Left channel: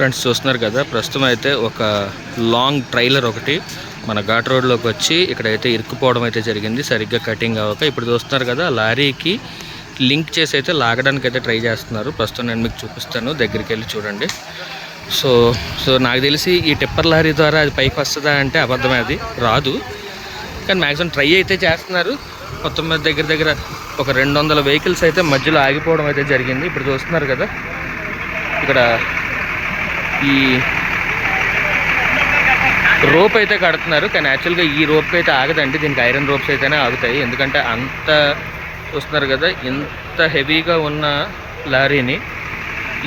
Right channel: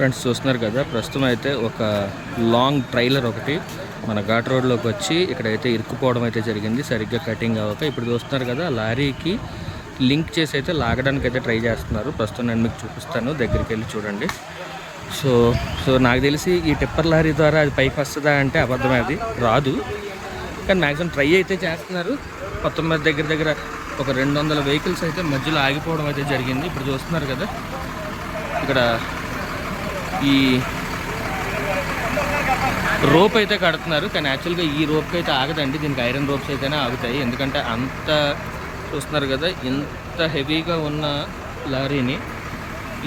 Friends చూస్తున్నారు కదా, ప్రస్తుతం అయితే ఒక లాంగ్ ట్రైలర్ ఒకటి మన ఘాట్ రోడ్లోకి వచ్చి ఇక్కడైతే ఇరుక్కుపోవడం అయితే జరిగింది, సరిగ్గా కటింగ్ అవ్వక. ఇప్పుడు చూస్తున్నారు కదా, లారీకి లింక్ చేసి అయితే లాగడానికి అయితే ట్రై చేస్తున్నారు. ప్రస్తుతం నేను మీకు చూపిస్తాను, దగ్గరికి వెళ్ళి చూడండి. సో నాకు తెలిసి ఈ టిప్పర్ లారీ ద్వారా అది పైకి వస్తుందా అంటే అబద్ధమే, అది రాదు. కానీ మ్యాక్సిమం ట్రై అయితే చేస్తున్నారు. మొత్తం మీద దగ్గర ఒక 200 వెహికల్స్ అయితే మధ్యలో ఆగిపోవడం అయితే జరిగింది. ఇప్పుడు చూస్తున్నారు కదా, ఇక్కడ ఈ రోప్ అయితే కడుతున్నారు. కానీ యాక్చువల్గా ఈ రోప్కి అయితే ఆగదండి, దీనికి ఐరన్ రోప్స్ అయితేనే ఆగుతాయి. ఎందుకంటే అంత చూస్తున్నారు కదా, ఇంత హెవీగా ఉన్న లారీని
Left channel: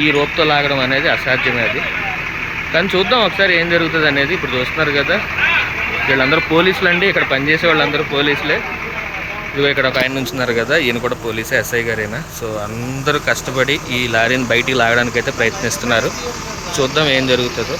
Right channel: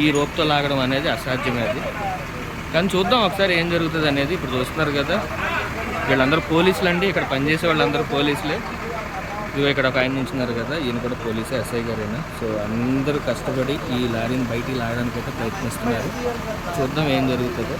ఈ రోప్తో లాగడం అనేది అసాధ్యమే అది. కానీ చూద్దాం ఒకసారి ఏం జరుగుతుంది అనేది. ఇప్పుడు చూస్తున్నారు కదా, వీళ్ళందరూ పోలీసులు అండి, ఇక్కడ పనిచేసే వాళ్ళందరూ పోలీసులే. ఇదిగో ఇక్కడ ఒక ఆయన నుంచున్నారు కదా, ఈయన కూడా పోలీసే, ఎస్ఐ గారైనా. సో అందరూ కష్టపడి ఈ లారీని బయటికి లాగడానికి అయితే ప్రయత్నిస్తున్నారు. చూద్దాం ఏం జరుగుతుందో.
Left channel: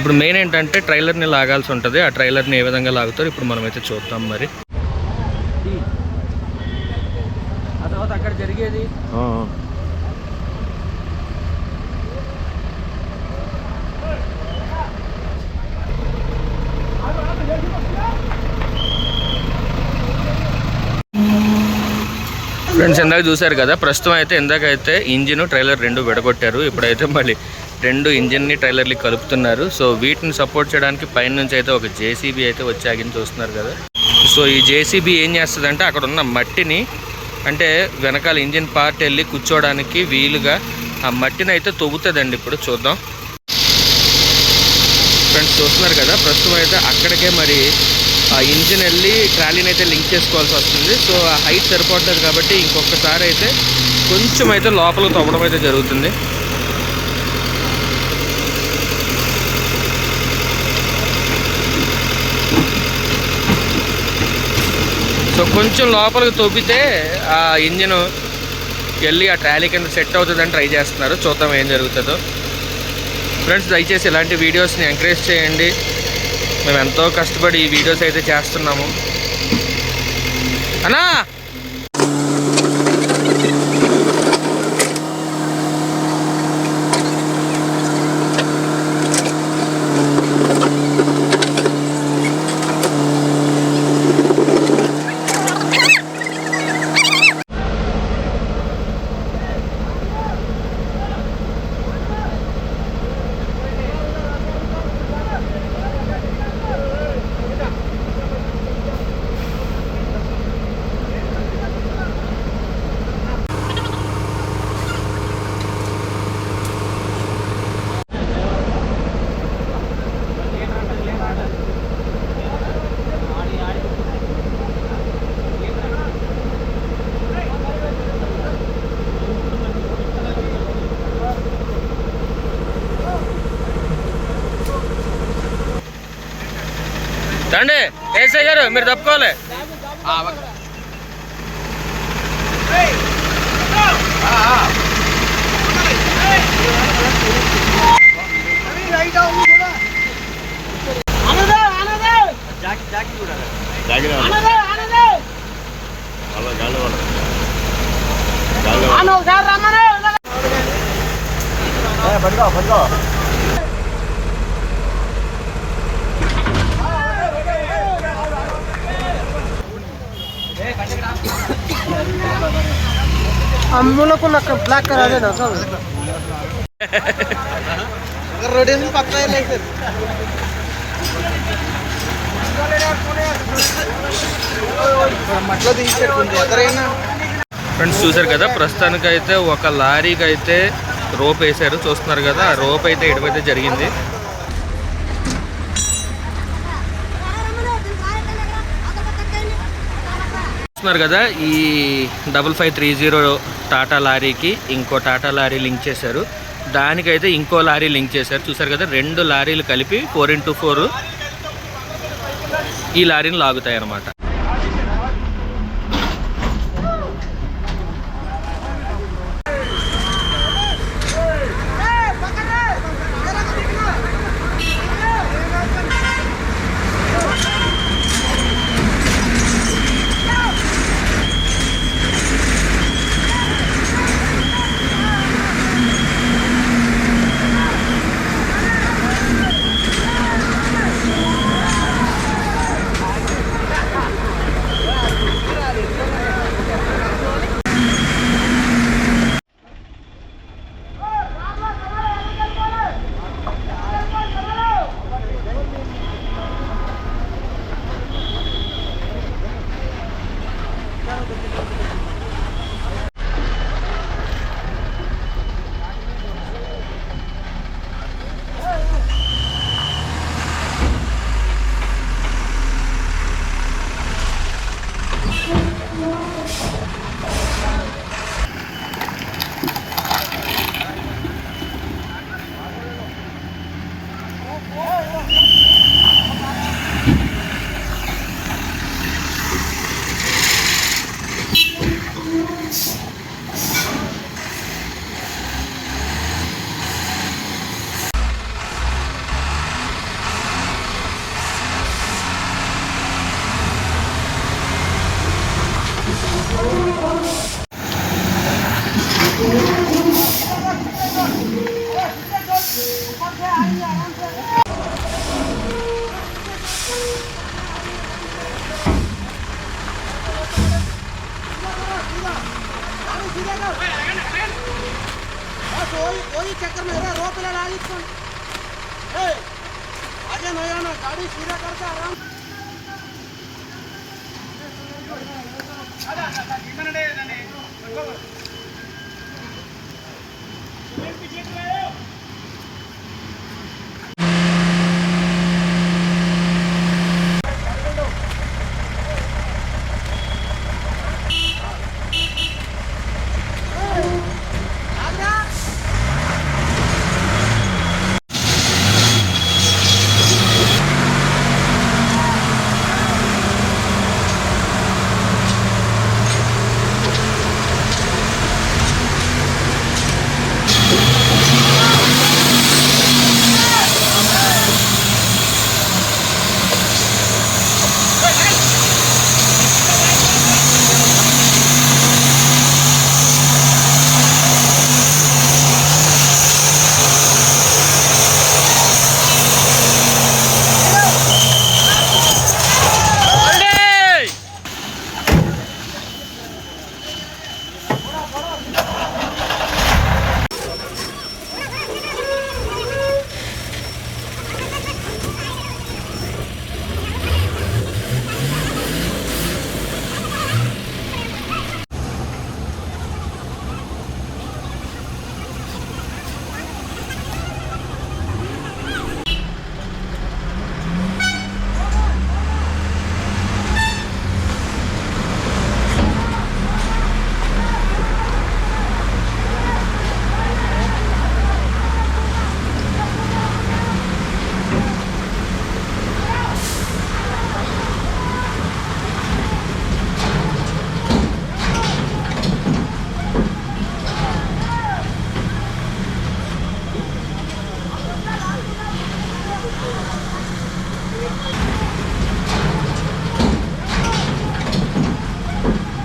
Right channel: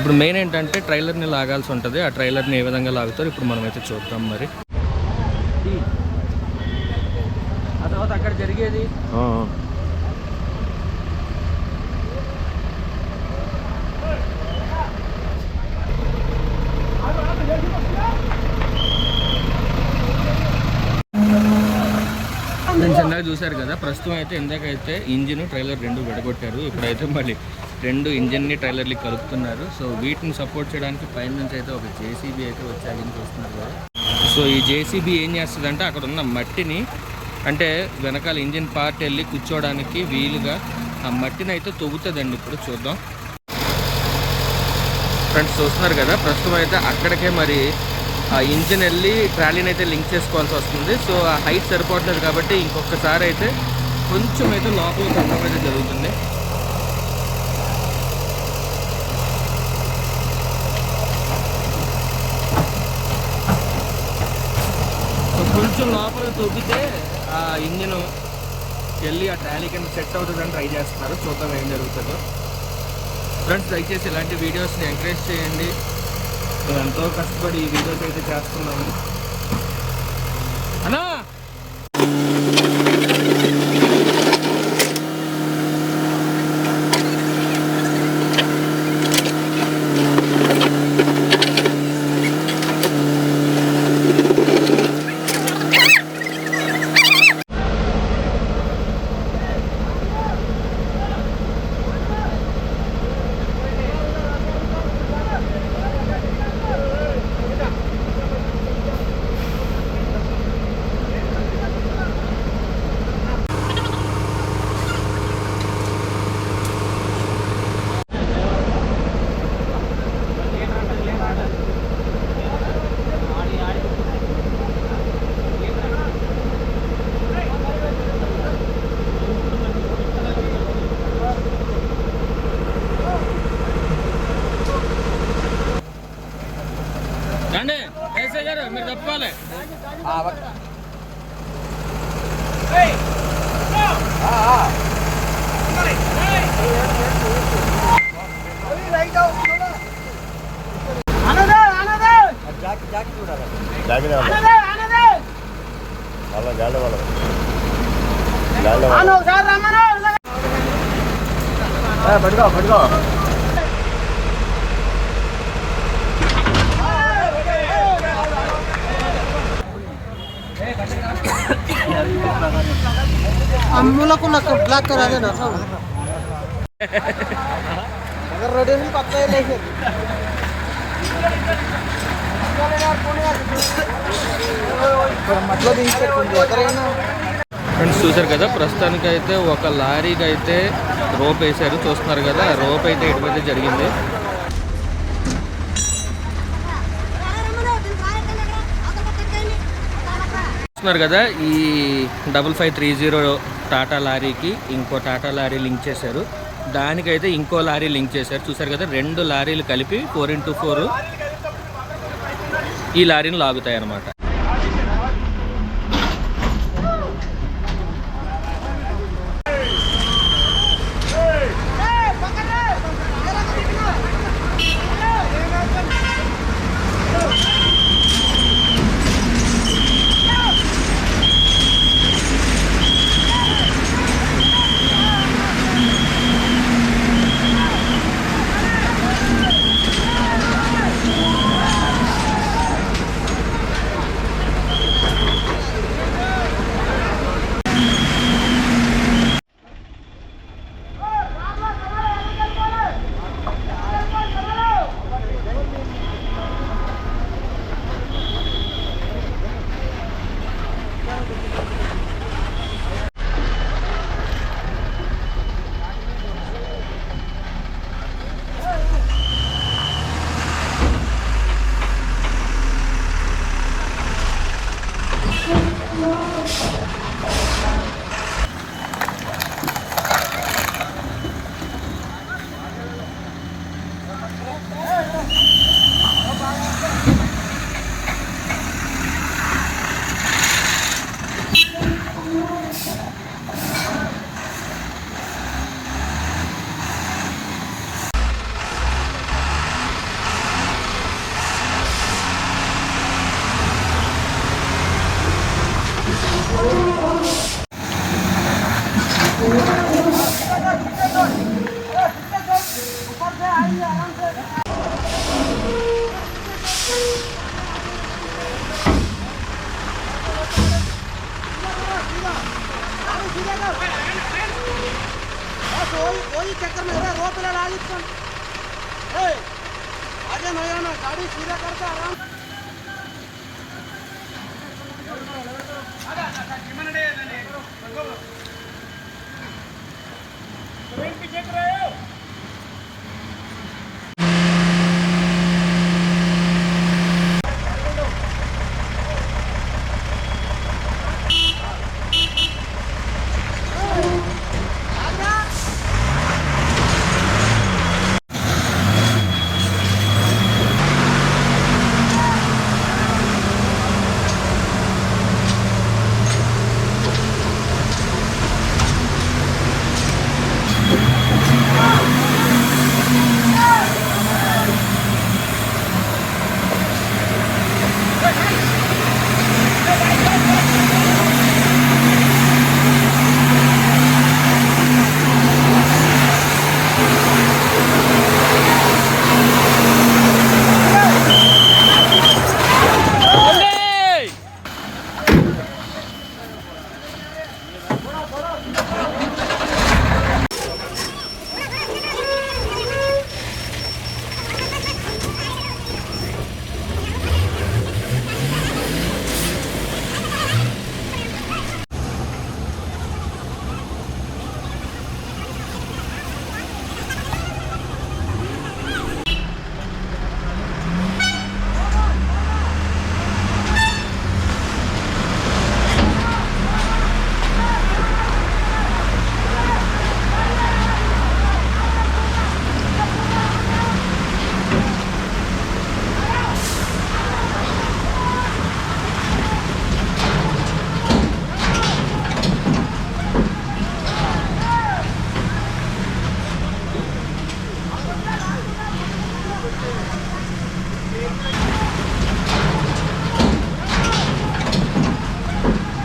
ఇప్పుడు మెయిన్ ఏంటంటే ట్రైలర్ని లాగాల్సి ఉంటుంది. ఆ ట్రైలర్ని ఏ విధంగా లాగుతారు ఇప్పుడు మనమైతే చూద్దాం. మరి ఆ తర్వాత అక్కడ జరిగేది ఫ్రెండ్స్, ఇందాక చూశారు కదా, ప్రస్తుతం అయితే ఇందాకైతే ఇంజిన్ ట్రైలర్ రెండు విడగొట్టారు. ఇప్పుడైతే మళ్ళీ రెండు ఇంజిన్ని ట్రైలర్లు కలుపుతున్నారు. సో వీటిని సపోర్ట్ చేయడానికి పైన నుంచి అయితే ఒక జేసీబీ అయితే వచ్చి ఆగింది, చూస్తున్నారు కదా. సో ఈ జేసీబీ ఏం చేస్తుందంటే అక్కడ ఉన్న మట్టిని, అంటే వెనకాల ఇంజిన్ పార్ట్ వెళ్ళి కూర్చోవడానికి వీలుగా ఆ మట్టిని అయితే తవ్వుతుందండి. ఇప్పుడు చూద్దాం. ఫ్రెండ్స్ చూస్తున్నారు కదా, ప్రస్తుతం అయితే అక్కడికే మరి ఆ ఇంజిన్ వెళ్ళి ట్రాలీని అయితే లింక్ చేసుకోవాల్సి వస్తుంది. సో ఆ హైట్ సరిపోవట్లేదు కాబట్టి ఇంకొకసారి అయితే కొంచెం అయితే లోపలికి తవ్వడం అయితే జరుగుతుంది. సో కొంచెం లోపలికి తవ్వితే ఆ ఇంజిన్ వెళ్ళి ఆ ట్రాలీ కింద సెట్ అవుతుందని ట్రై చేస్తున్నారు. చూద్దాం ఏం జరుగుతుందో. ఫ్రెండ్స్ దయచేసి ఇలాంటి వీడియోస్ని ఎంకరేజ్ చేయండి. మేము ఎంతో కష్టపడి ఈ వీడియోస్ అయితే చేస్తున్నాము అన్నా. రండి ఏసై గారు, మీరు తప్పుకోవాలి. अम्मूला को लग ब्लैक करा देना सब रोडे में पक्का है नहीं मतलब इंचर कुंदे अतरेना. ఫ్రెండ్స్ చూసారు కదా, ప్రస్తుతానికి అయితే ఒక లారీకి అయితే రోప్ వేసారు. చూస్తున్నారు కదా, ఆ రోప్ అయితే ఇటువైతే జరిగింది. చూస్తున్నారు కదా, ఈ 5530 టాటా లారీకి ఇంకో టాటా లారీ లింక్ చేశారు. దానికైతే ఇంకో లారీ లింక్ చేశారు. చూసారు కదా, రెండు లారీలు కలిపి 4x4 ఈ లారీని లాగుతాయి అన్నమాట. वही चक्कर में रो पे लगा दी तुम आगे नहीं आना गाड़ी सीधा करके आराम चेक रहे